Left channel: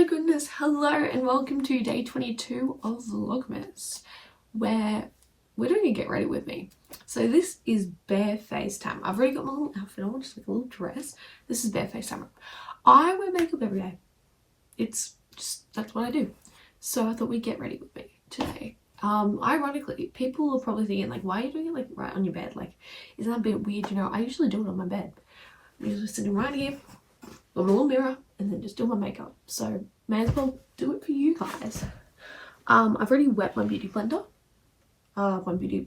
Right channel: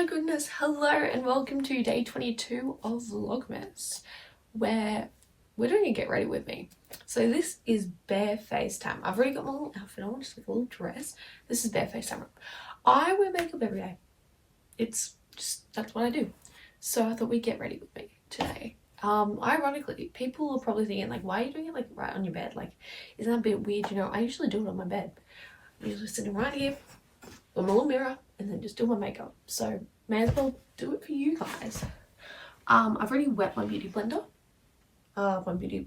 my goodness, hello and welcome to day 22 of Vlogmas, where we're doing a get ready with me. So this is bare face time. I've already got my little outfit on, just like a little dress. This is bare face time. I wear makeup every day. It's just, that's what I do. So I thought we'd get ready with me today. Ironically, people are probably thinking like, why are you doing it like right on your bed? Like, isn't that a bit weird? You know, I usually do it on my bed. I'm usually sitting right here with my little mirror and then just do my makeup. So may as well do it for you guys. I've already wet my beauty blender.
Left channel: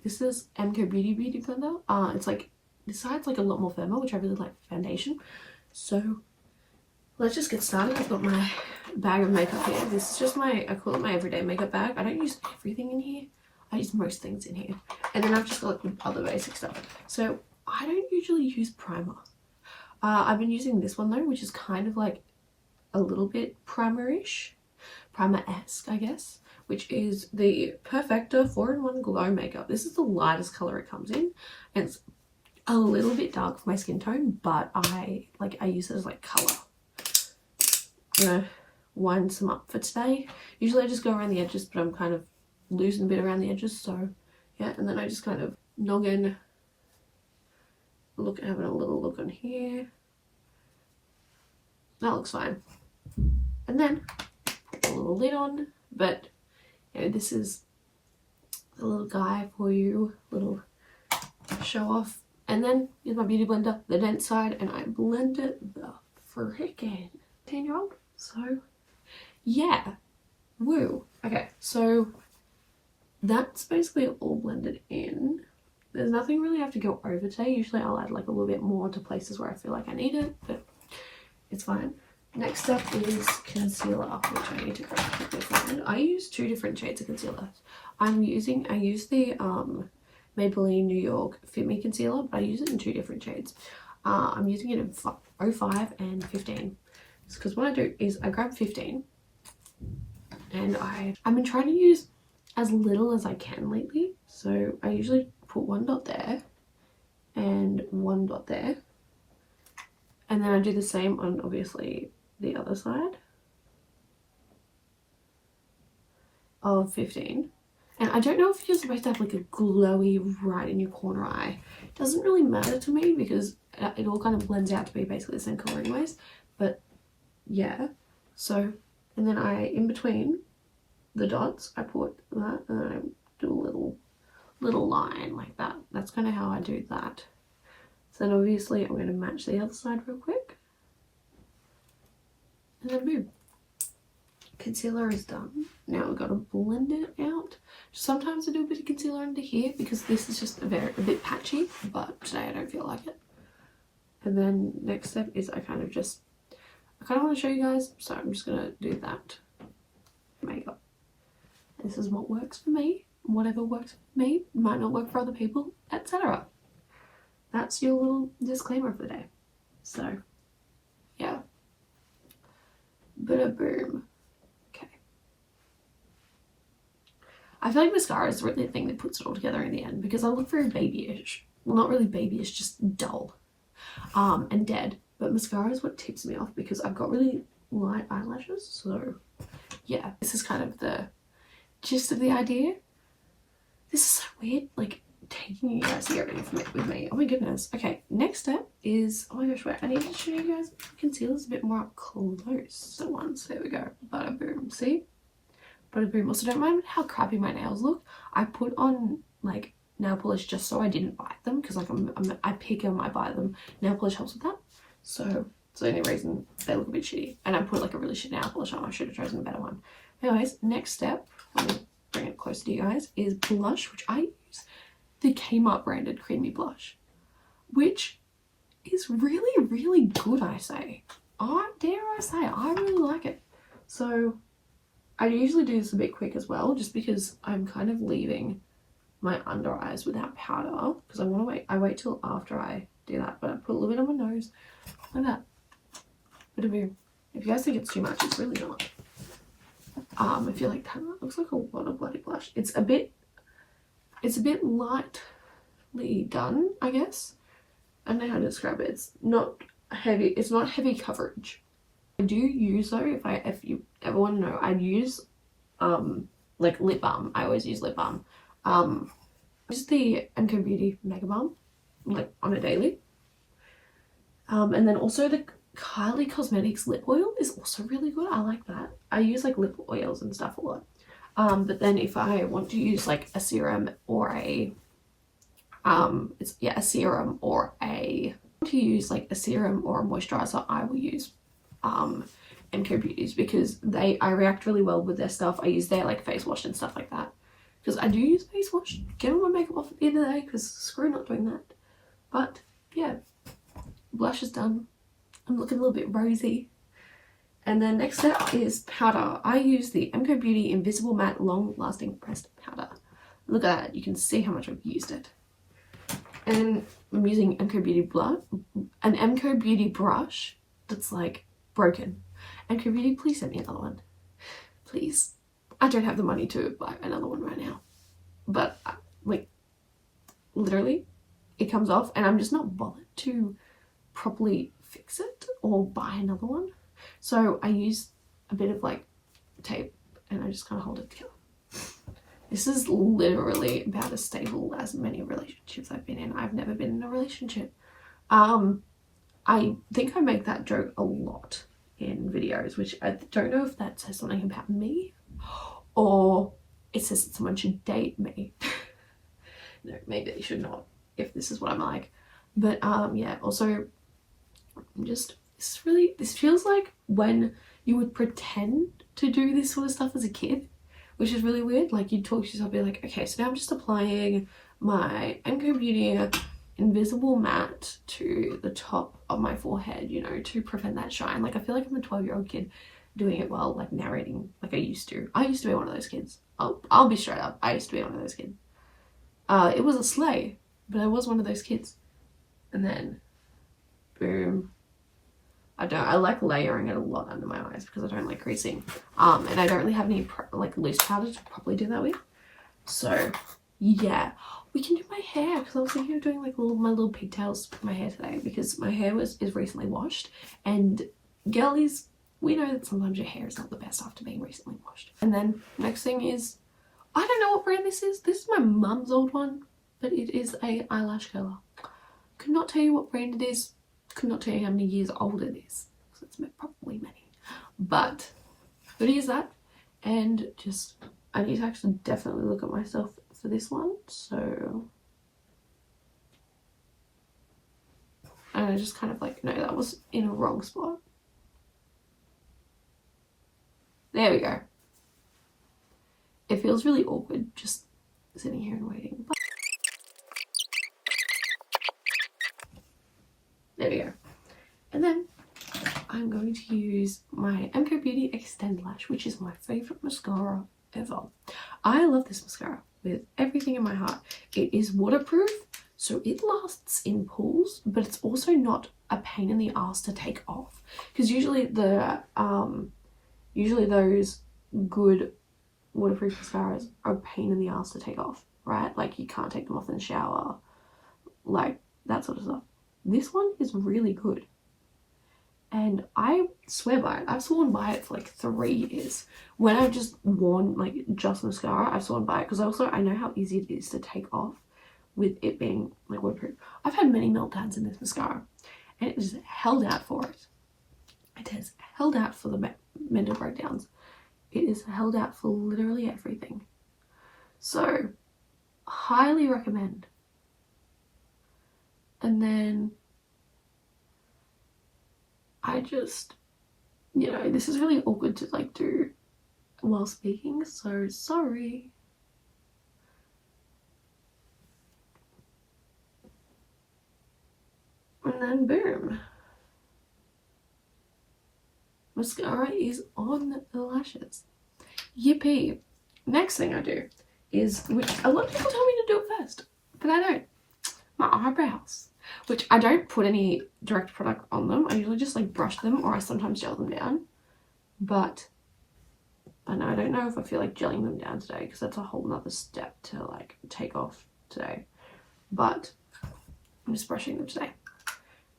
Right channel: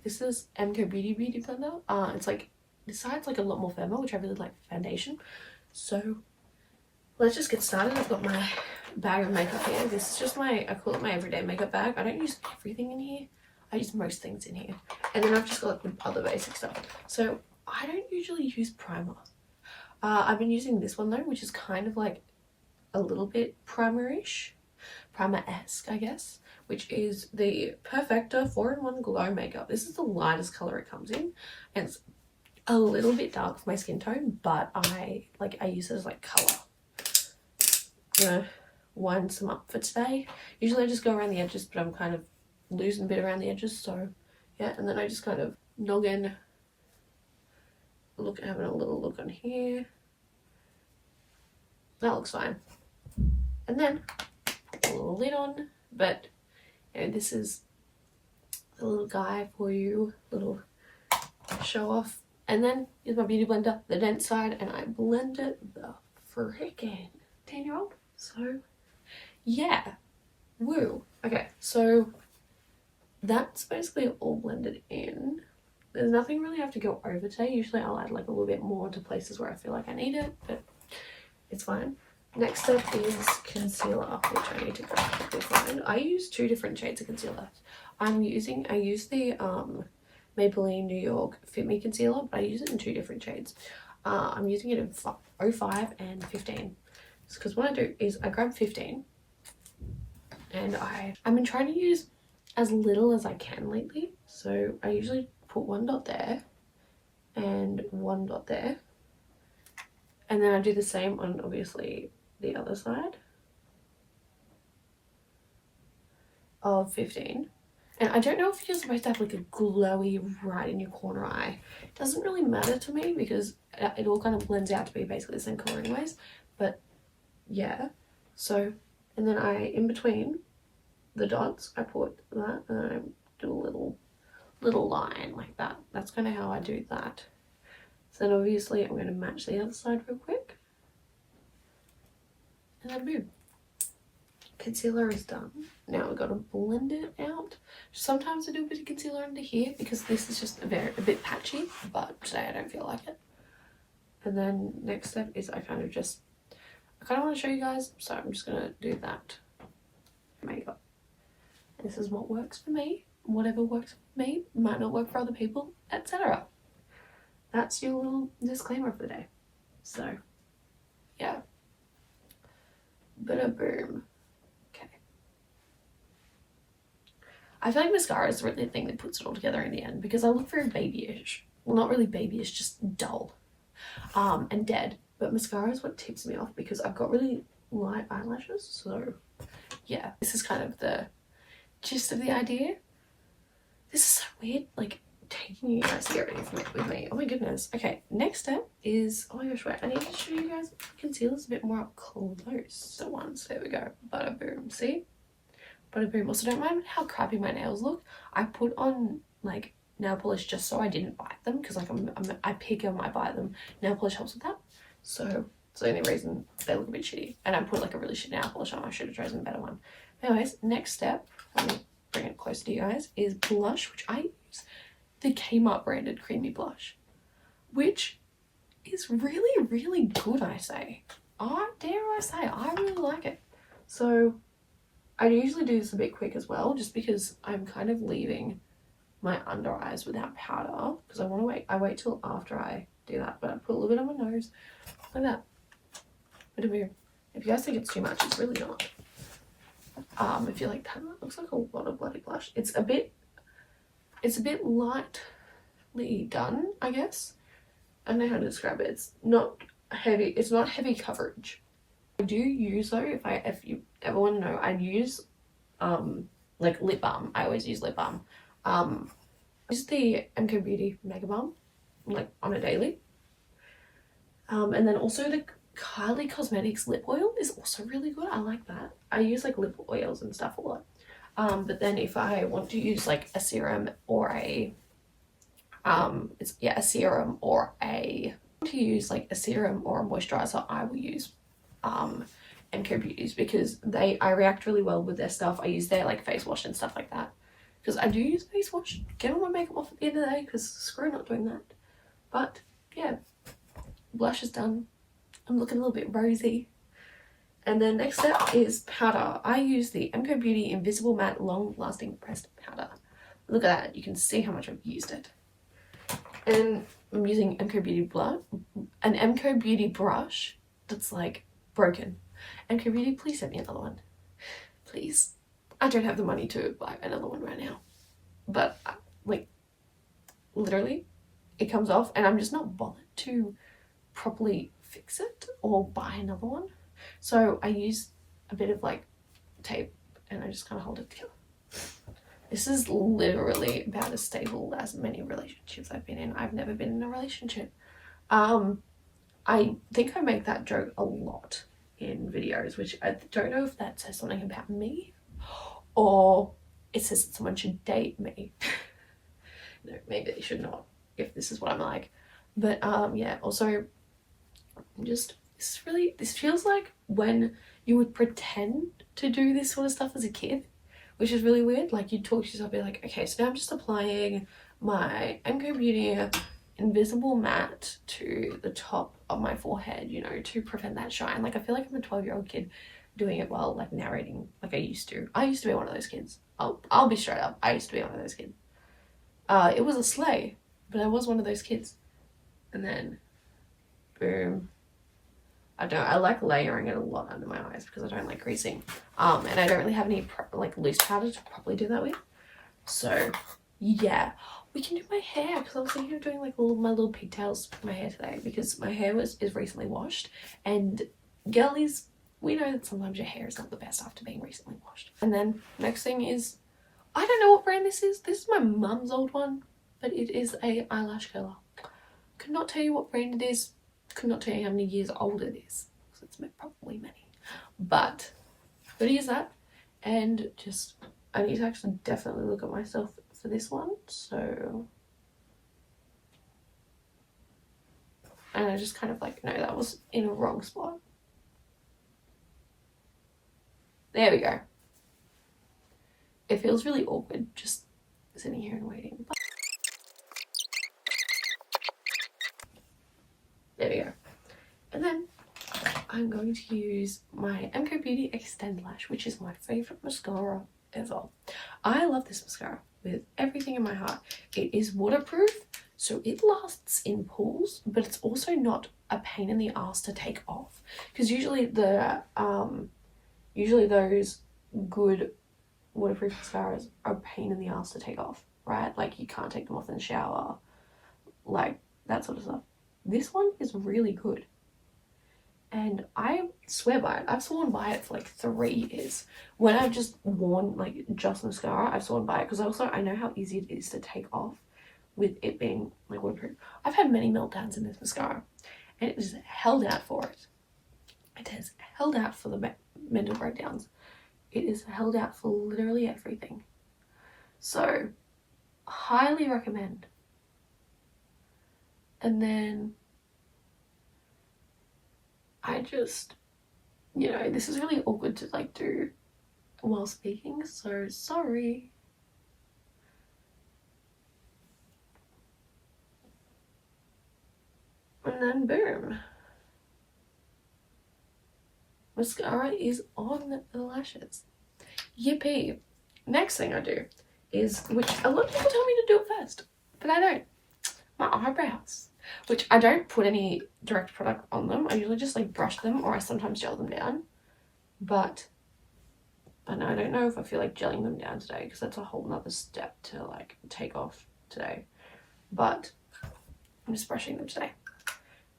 This is MCO Beauty Blender. It's like, this side's like a lot more firmer, which I really like for foundation. So let's just get started. I've got my bag of makeup here. This is just my, I call it my everyday makeup bag. I don't use everything in here. I use most things in here. And then I've just got like other basic stuff. So I don't usually use primer. I've been using this one though, which is kind of like a little bit primer-ish, primer-esque I guess, which is the Perfecta 4-in-1 Glow Makeup. This is the lightest color it comes in, and it's a little bit dark for my skin tone, but I use it as like color, you know, wind some up for today. Usually I just go around the edges, but I'm kind of losing a bit around the edges, so yeah. And then I just kind of noggin, having a little look on here. That looks fine. And then a little lid on, but you know, this is a little guy for you, little show off. And then here's my beauty blender, the dense side, and I blend it the frickin' 10-year-old. So yeah, woo. Okay, so that's basically all blended in. There's nothing really I have to go over today. Usually I'll add like a little bit more to places where I feel like I need it, but it's fine. Next step is concealer, which I need to very quickly find. I use two different shades of concealer. I use the Maybelline New York Fit Me concealer, but I use it in two different shades. I'm using it in 05 and 15. Because what I do is I grab 15, and I've been trying to use as little as I can lately. So I usually put one dot there and one dot there, and then I do the same on obviously the other side of 15. And I don't know if you're supposed to have like a glowy right in your corner eye. It doesn't really matter to me because it all kind of blends out to be basically the same color anyways, but yeah. So, and then in between the dots I put that, and then I do a little line like that. That's kind of how I do that. So then obviously I'm going to match the other side real quick, and then boom, concealer is done. Now we've got to blend it out. Sometimes I do a bit of concealer under here because this is just a bit patchy, but today I don't feel like it. And then next step is I kind of want to show you guys, so I'm just going to do that makeup. This is what works for me. Whatever works for me might not work for other people, etc. That's your little disclaimer for the day. So yeah, bada boom. Okay, I feel like mascara is really the thing that puts it all together in the end, because I look very babyish. Well, not really babyish, just dull and dead. But mascara is what tips me off because I've got really light eyelashes. So yeah, this is kind of the gist of the idea. This is so weird, like taking you guys to get ready with me. Oh my goodness. Okay, next step is, oh my gosh, wait, I need to show you guys concealer's a bit more up close. So once, there we go, bada boom, see? Bada boom. Also, don't mind how crappy my nails look. I put on like nail polish just so I didn't bite them, because like I pick them, I buy them. Nail polish helps with that. So it's the only reason they look a bit shitty. And I put like a really shit nail polish on. I should have chosen a better one. Anyways, next step, let me bring it closer to you guys, is blush, which I use the Kmart branded creamy blush, which is really, really good, I say. Dare I say, I really like it. So I usually do this a bit quick as well, just because I'm kind of leaving my under eyes without powder, because I wait till after I do that, but I put a little bit on my nose, like that. But if you guys think it's too much, it's really not. If you like that, it looks like a lot of bloody blush. It's a bit lightly done, I guess. I don't know how to describe it. It's not heavy coverage. I do use though, if you want to know, I'd use like lip balm. I always use lip balm. Just the MK Beauty Mega Balm, like on a daily. And then also the Kylie Cosmetics lip oil is also really good. I like that. I use like lip oils and stuff a lot. But then if I want to use like a serum or a a serum or a moisturizer, I will use MK Beauties, because I react really well with their stuff. I use their like face wash and stuff like that, because I do use face wash, get all my makeup off at the end of the day, because screw not doing that. But yeah, blush is done. I'm looking a little bit rosy. And then next step is powder. I use the MK Beauty Invisible Matte Long Lasting Pressed Powder. Look at that, you can see how much I've used it. And I'm using an MK Beauty brush that's like broken. MK Beauty, please send me another one. Please. I don't have the money to buy another one right now. But like literally it comes off and I'm just not bothered to properly fix it or buy another one. So I use a bit of like tape and I just kind of hold it together. This is literally about as stable as many relationships I've been in. I've never been in a relationship. I think I make that joke a lot in videos, which I don't know if that says something about me or it says that someone should date me. No, maybe they should not, if this is what I'm like. But yeah, also just this feels like when you would pretend to do this sort of stuff as a kid, which is really weird. Like you'd talk to yourself, be like, okay, so now I'm just applying my MK Beauty Invisible Matte to the top of my forehead, you know, to prevent that shine. Like I feel like I'm a 12-year-old kid doing it while like narrating like I used to. I used to be one of those kids. I'll be straight up. I used to be one of those kids. It was a slay, but I was one of those kids. And then boom. I like layering it a lot under my eyes because I don't like creasing. And I don't really have any like loose powder to properly do that with. So yeah, we can do my hair, because I was thinking of doing like all of my little pigtails with my hair today, because my hair is recently washed, and girlies, we know that sometimes your hair is not the best after being recently washed. And then next thing is, I don't know what brand this is. This is my mum's old one, but it is a eyelash curler. Could not tell you what brand it is. Could not tell you how many years old it is, so it's probably many. But I'm gonna use that, and just I need to actually definitely look at myself for this one. So, and I just kind of like, no, that was in a wrong spot. There we go. It feels really awkward just sitting here and waiting. But there we go. And then I'm going to use my MK Beauty Extend Lash, which is my favourite mascara ever. I love this mascara with everything in my heart. It is waterproof, so it lasts in pools, but it's also not a pain in the ass to take off. Because usually those good waterproof mascaras are a pain in the ass to take off, right? Like you can't take them off in the shower, like that sort of stuff. This one is really good, and I swear by it. I've sworn by it for like 3 years. When I've just worn like just mascara, I've sworn by it, because also I know how easy it is to take off with it being like waterproof. I've had many meltdowns in this mascara, and it has held out for it. It has held out for the mental breakdowns. It is held out for literally everything. So, highly recommend. And then I just, you know, this is really awkward to like do while speaking, so sorry. And then boom. Mascara is on the lashes. Yippee. Next thing I do is, which a lot of people tell me to do it first, but I don't. My eyebrows, which I don't put any direct product on them. I usually just like brush them, or I sometimes gel them down. But I don't know if I feel like gelling them down today, because that's a whole nother step to like take off today. But I'm just brushing them today.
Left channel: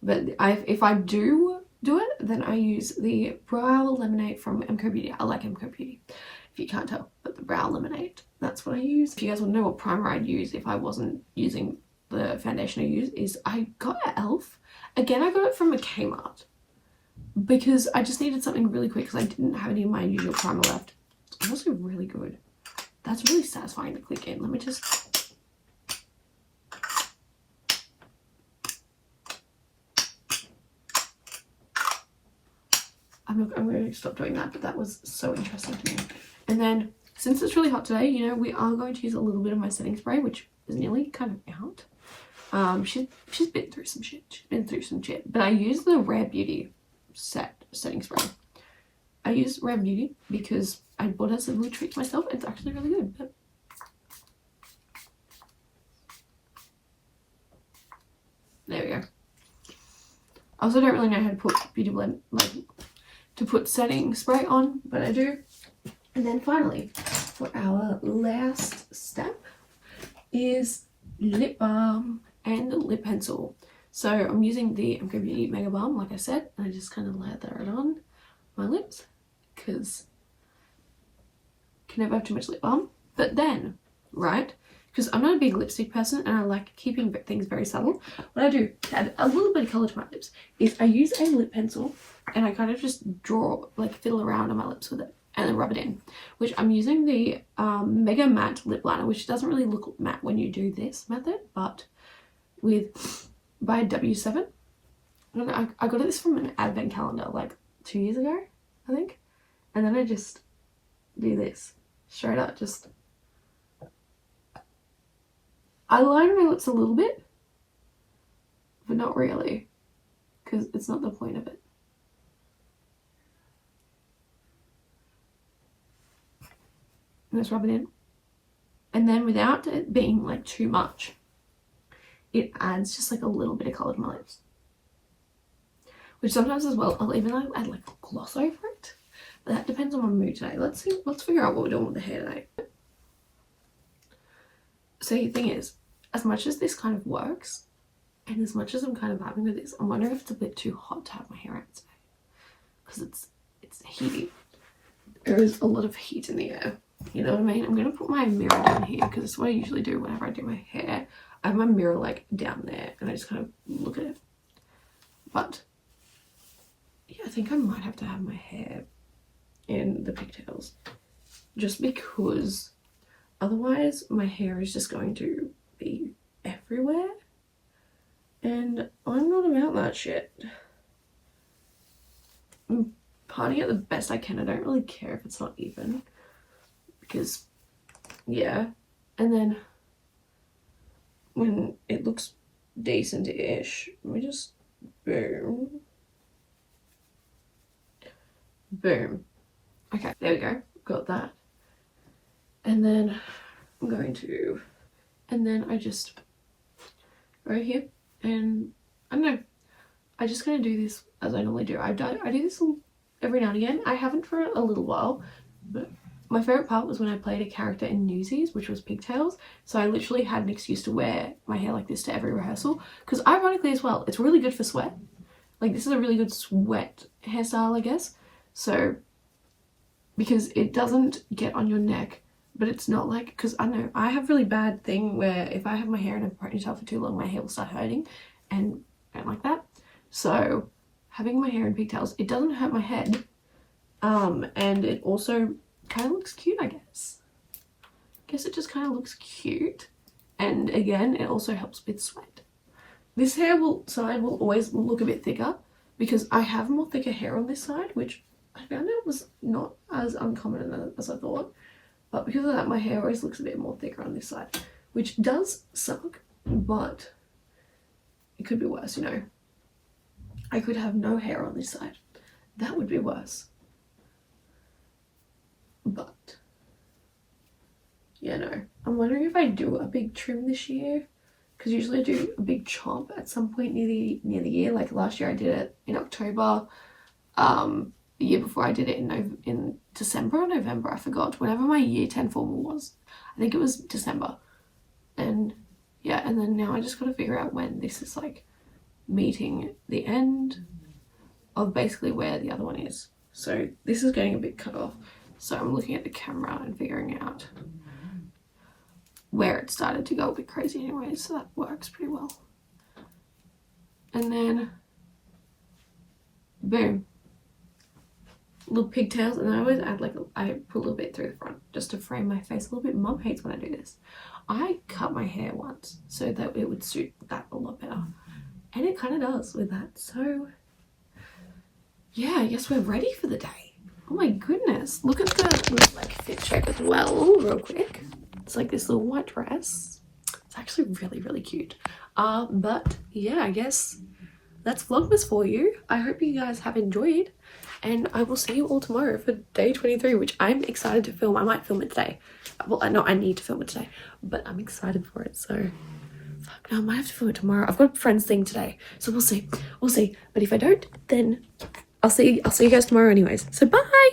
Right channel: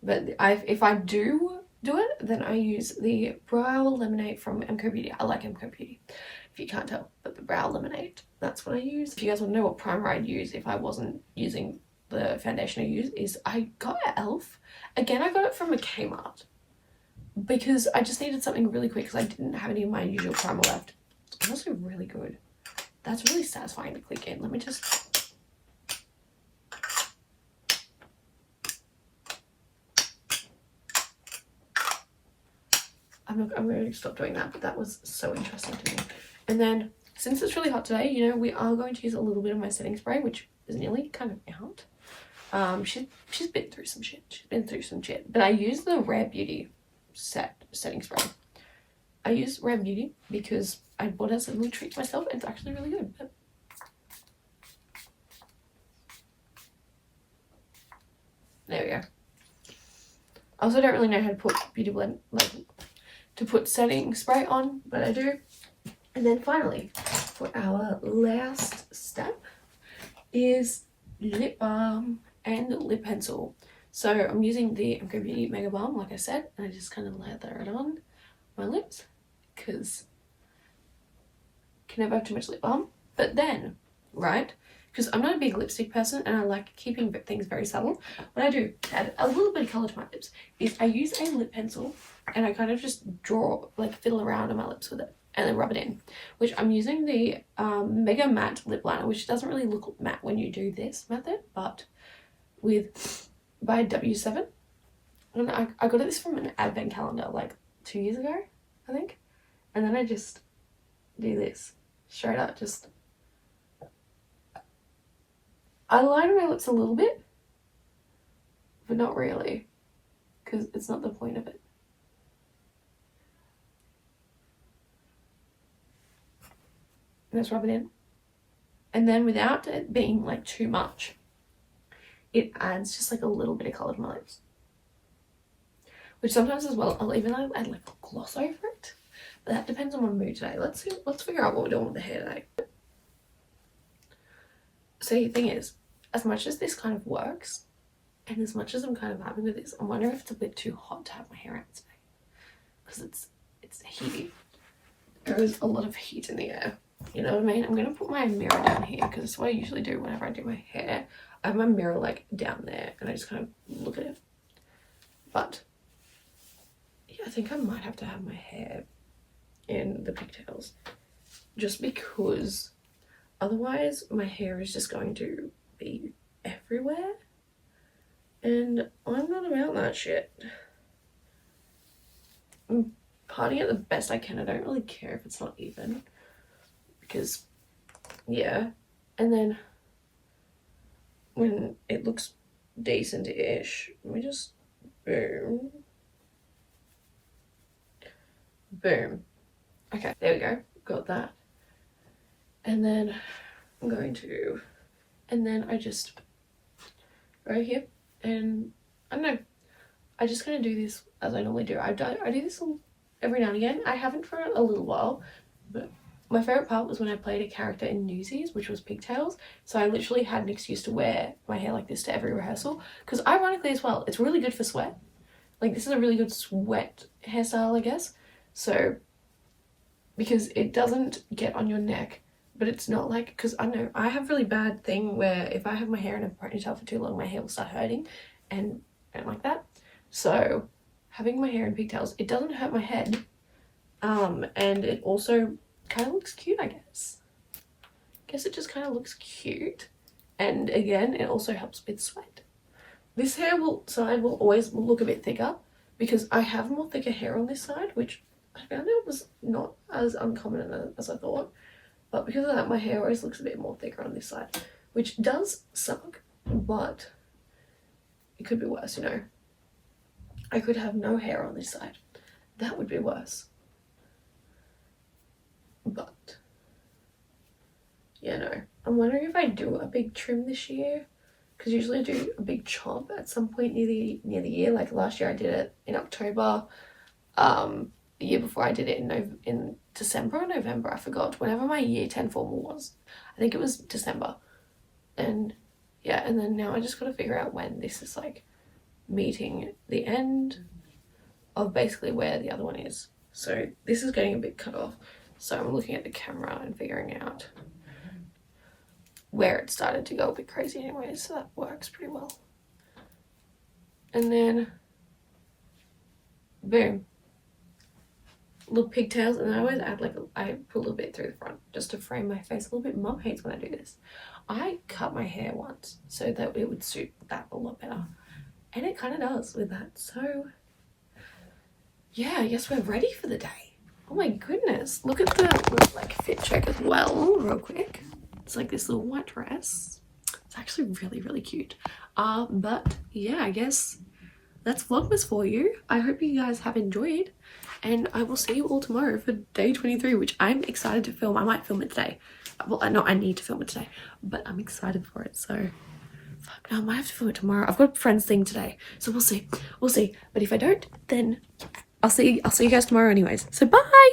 But if I do do it, then I use the Brow Lemonade from MCO Beauty. I like MCO Beauty, if you can't tell, but the Brow Lemonade, that's what I use. If you guys want to know what primer I'd use if I wasn't using the foundation I use, is I got an e.l.f. Again, I got it from a Kmart because I just needed something really quick because I didn't have any of my usual primer left. It's also really good. That's really satisfying to click in. Let me just... I'm going to stop doing that, but that was so interesting to me. And then, since it's really hot today, you know, we are going to use a little bit of my setting spray, which is nearly kind of out. She's been through some shit. But I use the Rare Beauty setting spray. I use Rare Beauty because I bought it as a little treat to myself. It's actually really good. But there we go. I also don't really know how to put beauty blend, like to put setting spray on, but I do. And then finally, for our last step is lip balm and lip pencil. So I'm using the MCO Beauty Mega Balm, like I said, and I just kind of lather it on my lips because can never have too much lip balm. But then, right, because I'm not a big lipstick person and I like keeping things very subtle, what I do to add a little bit of colour to my lips is I use a lip pencil and I kind of just draw, like fiddle around on my lips with it and then rub it in, which I'm using the Mega Matte Lip Liner, which doesn't really look matte when you do this method, but by W7. And I got this from an advent calendar like 2 years ago, I think. And then I just do this straight up, just I line my lips a little bit, but not really, because it's not the point of it. And just rub it in. And then without it being like too much, it adds just like a little bit of colour to my lips. Which sometimes as well, I'll even add like gloss over it. But that depends on my mood today. Let's figure out what we're doing with the hair today. So the thing is, as much as this kind of works, and as much as I'm kind of having with this, I'm wondering if it's a bit too hot to have my hair out today. Because it's heaty. There is a lot of heat in the air. You know what I mean? I'm going to put my mirror down here because it's what I usually do whenever I do my hair. I have my mirror like down there and I just kind of look at it. But yeah, I think I might have to have my hair in the pigtails just because otherwise my hair is just going to be everywhere and I'm not about that shit. I'm parting it the best I can. I don't really care if it's not even because yeah. And then when it looks decent-ish, we just boom. Boom. Okay, there we go. Got that. And then I'm going to, and then I just go here and I don't know. I just kind of do this as I normally do. I do this every now and again. I haven't for a little while, but my favourite part was when I played a character in Newsies, which was pigtails. So I literally had an excuse to wear my hair like this to every rehearsal. Because ironically as well, it's really good for sweat. Like this is a really good sweat hairstyle, I guess. So, because it doesn't get on your neck, but it's not like, because I know I have really bad thing where if I have my hair in a ponytail for too long, my hair will start hurting and I don't like that. So having my hair in pigtails, it doesn't hurt my head. And it also kind of looks cute, I guess. It just kind of looks cute. And again, it also helps with sweat. This hair side will always look a bit thicker because I have more thicker hair on this side, which I found out was not as uncommon as I thought. But because of that, my hair always looks a bit more thicker on this side, which does suck, but it could be worse, you know. I could have no hair on this side. That would be worse. But yeah, no. I'm wondering if I do a big trim this year, because usually I do a big chop at some point near the year. Like last year I did it in October. The year before I did it in December or November, I forgot. Whenever my year 10 formal was, I think it was December. And yeah, and then now I just got to figure out when this is like meeting the end of basically where the other one is. So this is getting a bit cut off. So I'm looking at the camera and figuring out where it started to go a bit crazy anyway, so that works pretty well. And then, boom. Little pigtails, and I always add like, I put a little bit through the front just to frame my face a little bit. Mum hates when I do this. I cut my hair once so that it would suit that a lot better. And it kind of does with that. So, yeah, I guess we're ready for the day. Oh my goodness. Look at the little like fit check as well, real quick. It's like this little white dress. It's actually really, really cute. But yeah, I guess that's Vlogmas for you. I hope you guys have enjoyed, and I will see you all tomorrow for day 23, which I'm excited to film. I might film it today. Well, no, I need to film it today, but I'm excited for it. So, fuck, no, I might have to film it tomorrow. I've got a friend's thing today, so we'll see. We'll see. But if I don't, then I'll see you guys tomorrow anyways. So bye.